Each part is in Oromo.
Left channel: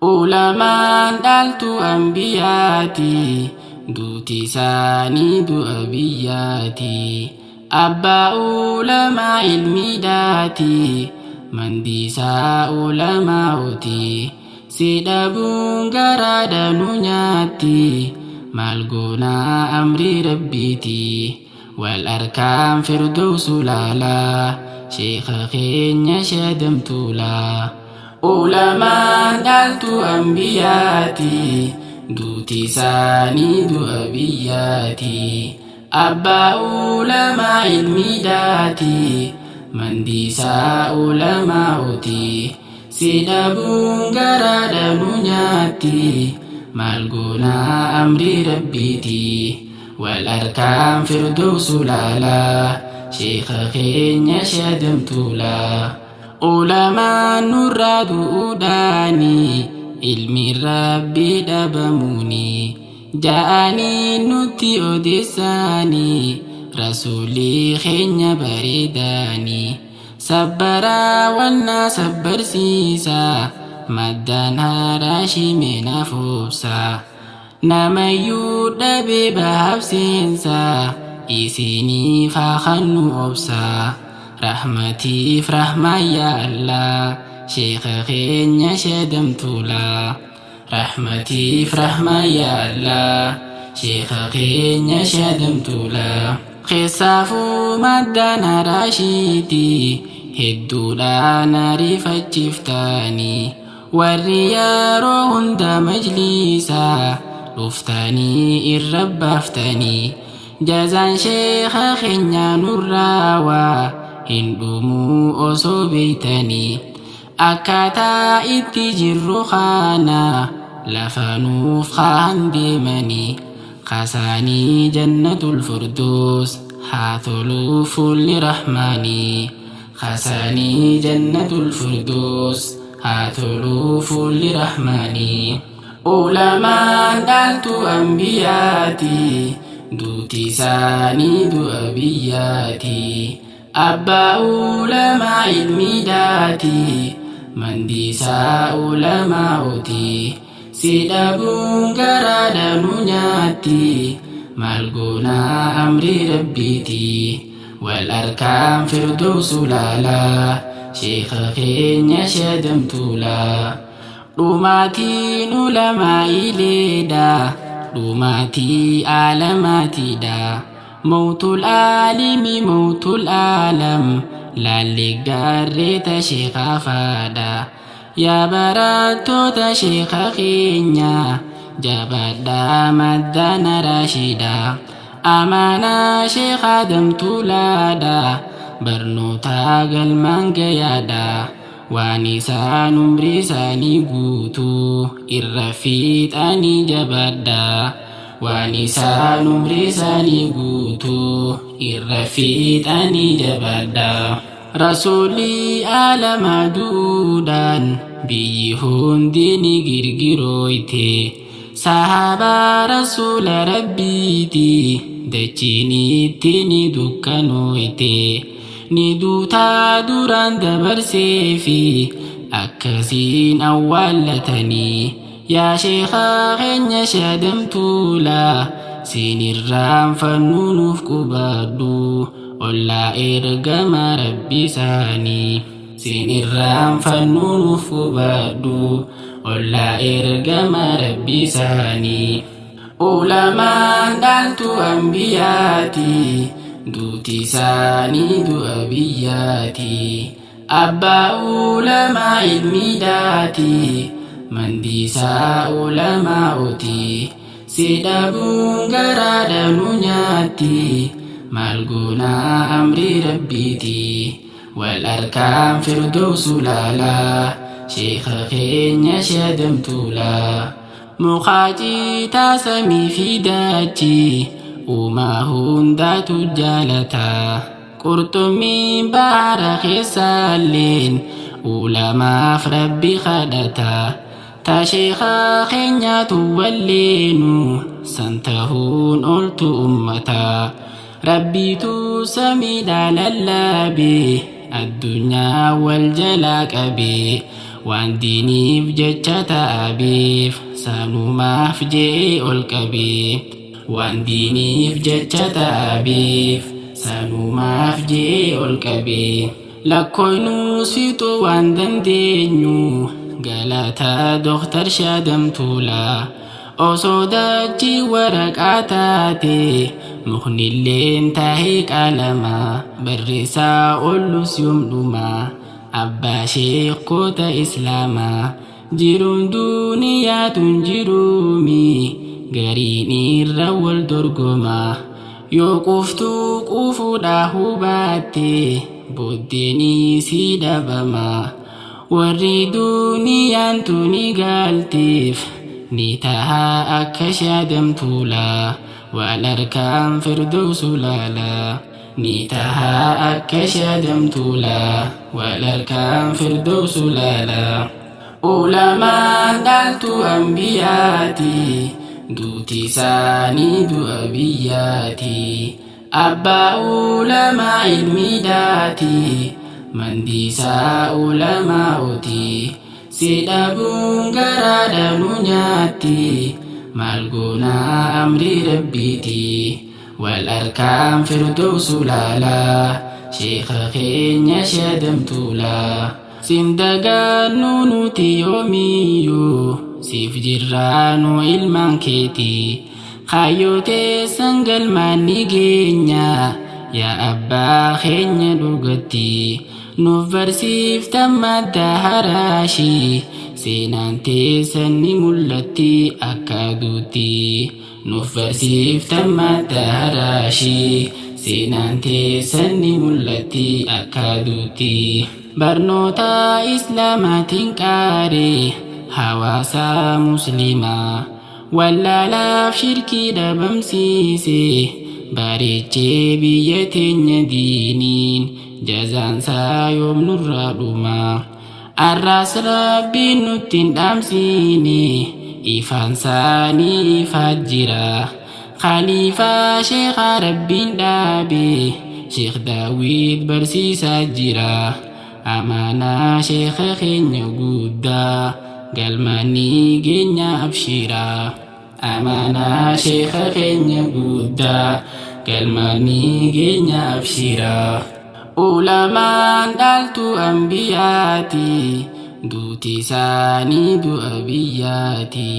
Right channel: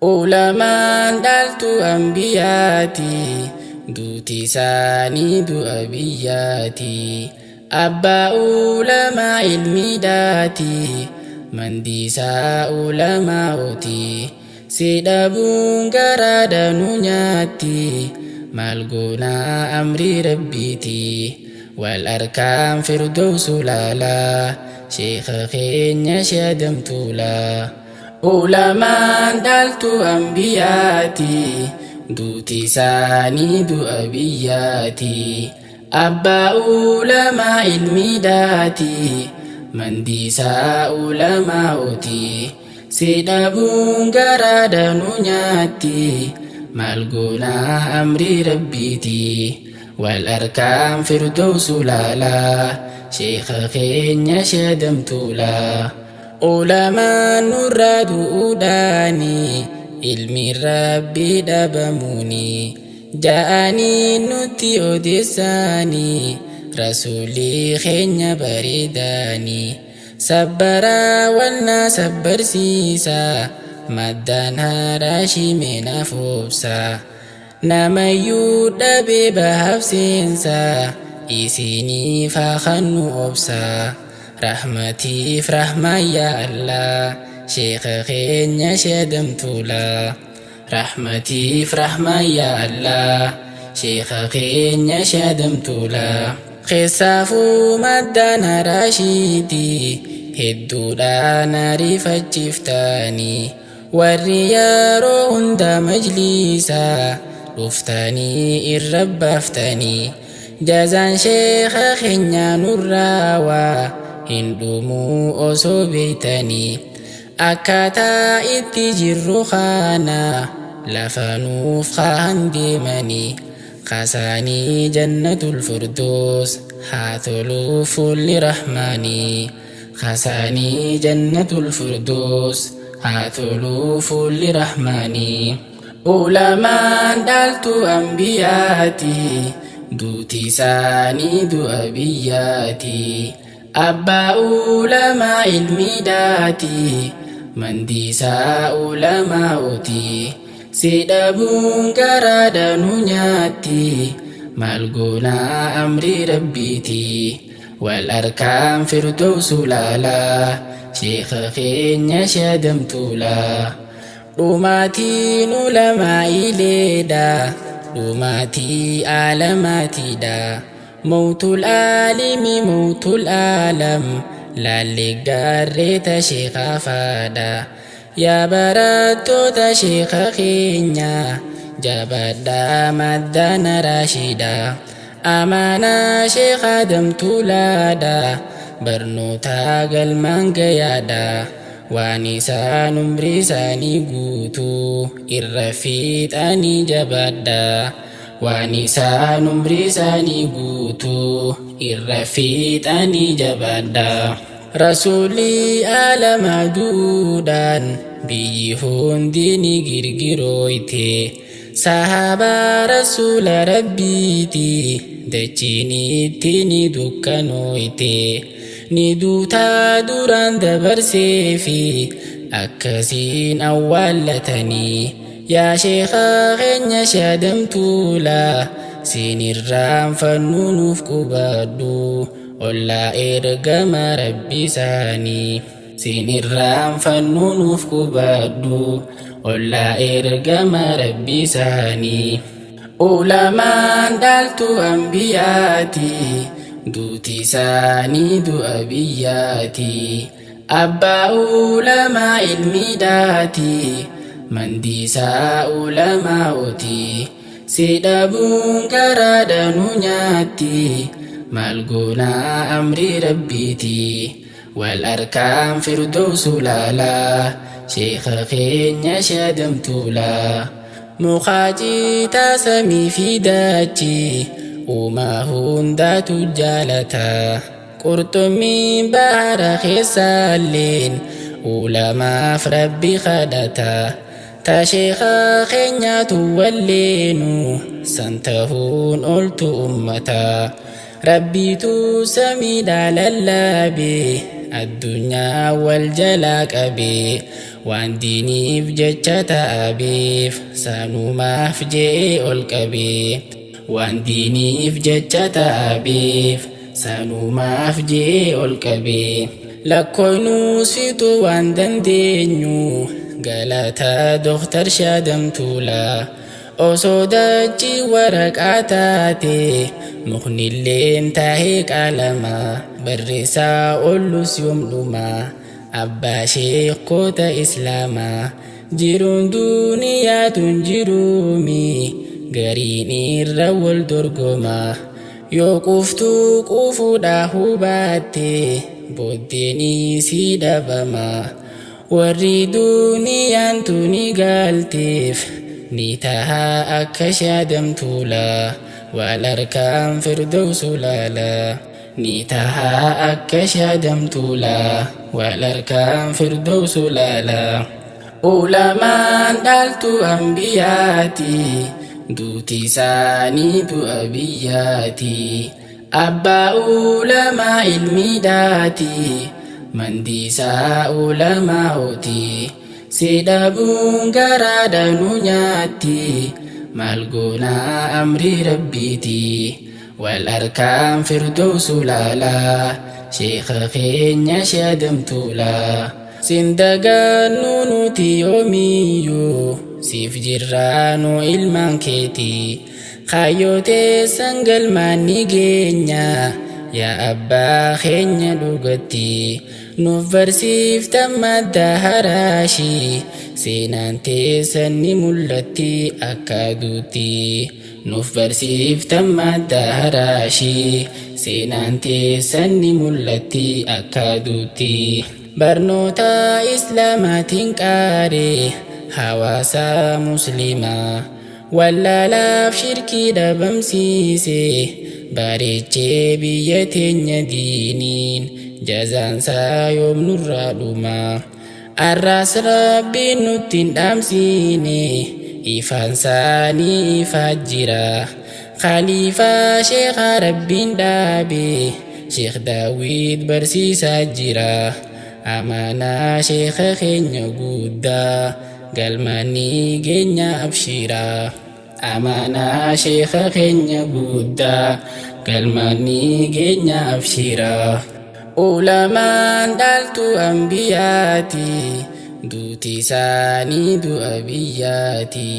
Ulamaan dhaaltu ambiyaati, duuti isaanii du'a biyyaati. Abbaa ulamaa ilmiidhaati, mandiisaa ulamaa'ooti. Si dhabuun garaa danuu nyaatti, maal goonaa amrii rabbiiti. Wal arkaan firdowsu laalaa, sheekha keenya shadamtuulaa. Ulamaan dhaaltu ambiyaati, duuti isaanii du'a biyyaati. Abbaa ulamaa ilmiidhaati, mandiisaa ulamaa'ooti. Si dhabuun garaa danuu nyaatti, maal goonaa amrii rabbiiti. Wal arkaan firdowsu laalaa, sheekha keenya shadamtuulaa. Ulamaan nurraa du'uudhaani, ilmi rabbii dhabamuuni. Ja'anii nutti odeessaani, rasuulii keenya bareedaani. Sabbaraa wannaa sabbarsiisa, maddaan haaraa shimee foobsa. Namayyuu dhabee bahabseensa, isiniif haa kannu obsa. Rahmatiif rahmaa yaa Allah, sheekha keenya shadamtuulaa. Rahmatiif rahmaa yaa Allah, sheekha keenya shadamtuulaa. Keessaafuu maddaan haraashiiti, hedduudhaan ariifachiiftaani. Warri yeroo hunda majliisaa, dhuftanii irra baaftanii. Jazaan sheekha keenya nurraa waa, hin dhumuu osoo beeytanii. Akkaataa itti jirru kana, lafa nuuf kaan deemanii. Qasaanii jannatul firdoos, haa toluu fuulli rahmaanii. Qasaanii jannatul firdoos, haa toluu fuulli rahmaanii. Ulamaan dhaaltu ambiyaati, duuti isaanii du'a biyyaati. Abbaa ulamaa ilmiidhaati, mandiisaa ulamaa'ooti. Si dhabuun garaa danuu nyaatti, maal goonaa amrii rabbiiti. Wal arkaan firdowsu laalaa, sheekha keenya shadamtuulaa. Dhumaatiin ulamaa ileedha, dhumaatii aalamaatiidha. Mawtul aalimi mawtul aalam, laallee gaarreeta sheekhaa faadha. Yaa barattoota sheekha keenya, jabaadhaa maddana raashida. Amaanaa sheekha damtuulaadha, barnoota galmaan gayaadha. Waan isaan umrii isaanii guutuu, irra fiixanii jabaadha. Waan isaan umrii isaanii guutuu, irra fiixanii jabaadha. Rasuulii alamaa duudhaan, biyyi hundi ni girgirooyte. Sahaabaa rasuula rabbiiti, dachiin itti ni dukkanooyte. Ni duutaa duraan dabarseefi, akkasiin awwaallatanii. Yaa sheekha keenya shadamtuulaa, sinirraan fannuu nuuf qubadhu. Ollaa ergama rabbi isaanii, sinirraan fannuu nuuf qubadhu. Ollaa ergama rabbi isaanii. Ulamaan dhaaltu ambiyaati, duuti isaanii du'a biyyaati. Abbaa ulamaa ilmiidhaati, mandiisaa ulamaa'ooti. Si dhabuun garaa danuu nyaatti, maal goonaa amrii rabbiiti. Wal arkaan firdowsu laalaa, sheekha keenya shadamtuulaa. Muqaaciitaa samii fi dachii, uumaa hundaatu jaalata. Qurxummiin bahara keessaalleen, ulamaaf rabbi kadhata. Ta sheekha keenyaatu walleenu, san tahuun oltu ummata. Rabbiitu samiidhaa lallaabe, addunyaa wal jalaa qabe. waan diiniif jecha ta'abeef sanumaaf je'ee ol qabee waan diiniif jecha ta'abeef sanumaaf je'ee ol qabee lakkooynuus fixuu waan dandeenyu galataa Dooktar Shaadam Tuulaa osoo dachii waraqaa taate muknilleen taahee qaalamaa barreessaa ollus yoomdhumaa abbaa sheekota islaamaa jiruun duuniyaatun jiruumi gariin irra wal dorgomaa yoo quftuu qufuudhaa hubaatte booddeenii si dhabamaa warri duuniyaan tuni galteef ni tahaa akka Shaadam Tuulaa wal harkaan firdawsu laalaa ni tahaa akka Shaadam Tuulaa wal harkaan firdawsu laalaa ulamaan dhaaltu ambiyaati duuti isaanii du'a biyyaati abbaa ulamaa ilmiidhaati mandiisaa ulamaa'ooti sidhabuun garaadha nu nyaatti maal goonaa amrii rabbiiti wal harkaan firdawsu laalaa sheekha keenya Shaadam Tuulaa sindagaannu nuti yoomiyyuu siif jirraanu ilmaan keeti kaayyoteessan galmaan ni geenya yaa abbaa keenya dhugatti nuuf barsiiftan madda haraashii seenaan teessan ni mul'atti akka aduutti nuuf barsiiftan madda haraashii seenaan teessan ni mul'atti akka aduutti barnoota islaamaatiin qaaree hawaasa muslimaa wallaalaaf shirkii dhabamsiise bareechee biyya teenya diiniin jazaansaa yoom nurraa dhumaa arraas rabbiin nuttiin dhaamsiine ifaansaa ni ifaat jira khaliifaa sheekhaa rabbiin dhaabe Sheekh Daawit barsiisaa jira amaanaa sheekha keenya guddaa galmaani geenya abshiraa amaanaa sheekha keenya guddaa galmaani geenya abshiraa ulamaan dhaaltu ambiyaati duuti isaanii du'a biyyaati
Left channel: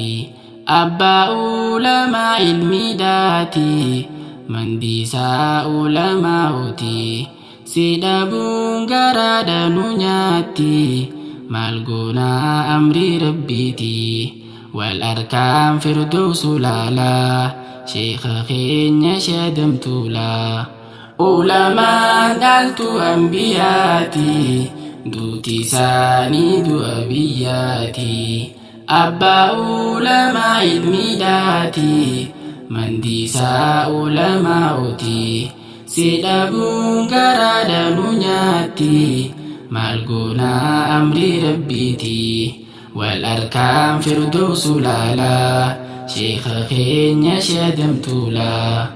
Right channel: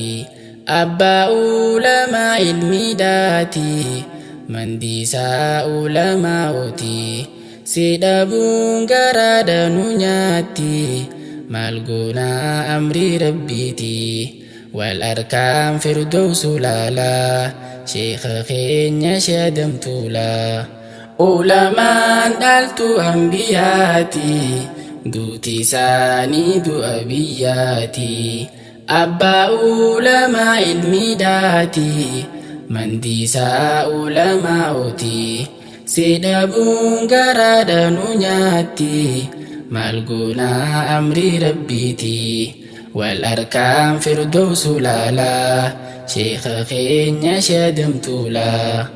abbaa ulamaa ilmiidhaati mandiisaa ulamaa'ooti sidhabuun garaadha nu nyaatti maal goonaa amrii rabbiiti wal harkaan firdawsu laalaa sheekha keenya Shaadam Tuulaa ulamaan dhaaltu ambiyaati duuti isaanii du'a biyyaati abbaa ulamaa ilmiidhaati mandiisaa ulamaa'ooti sidhabuun garaadha nu nyaatti maal goonaa amrii rabbiiti wal harkaan firdawsu laalaa sheekha keenya Shaadam Tuulaa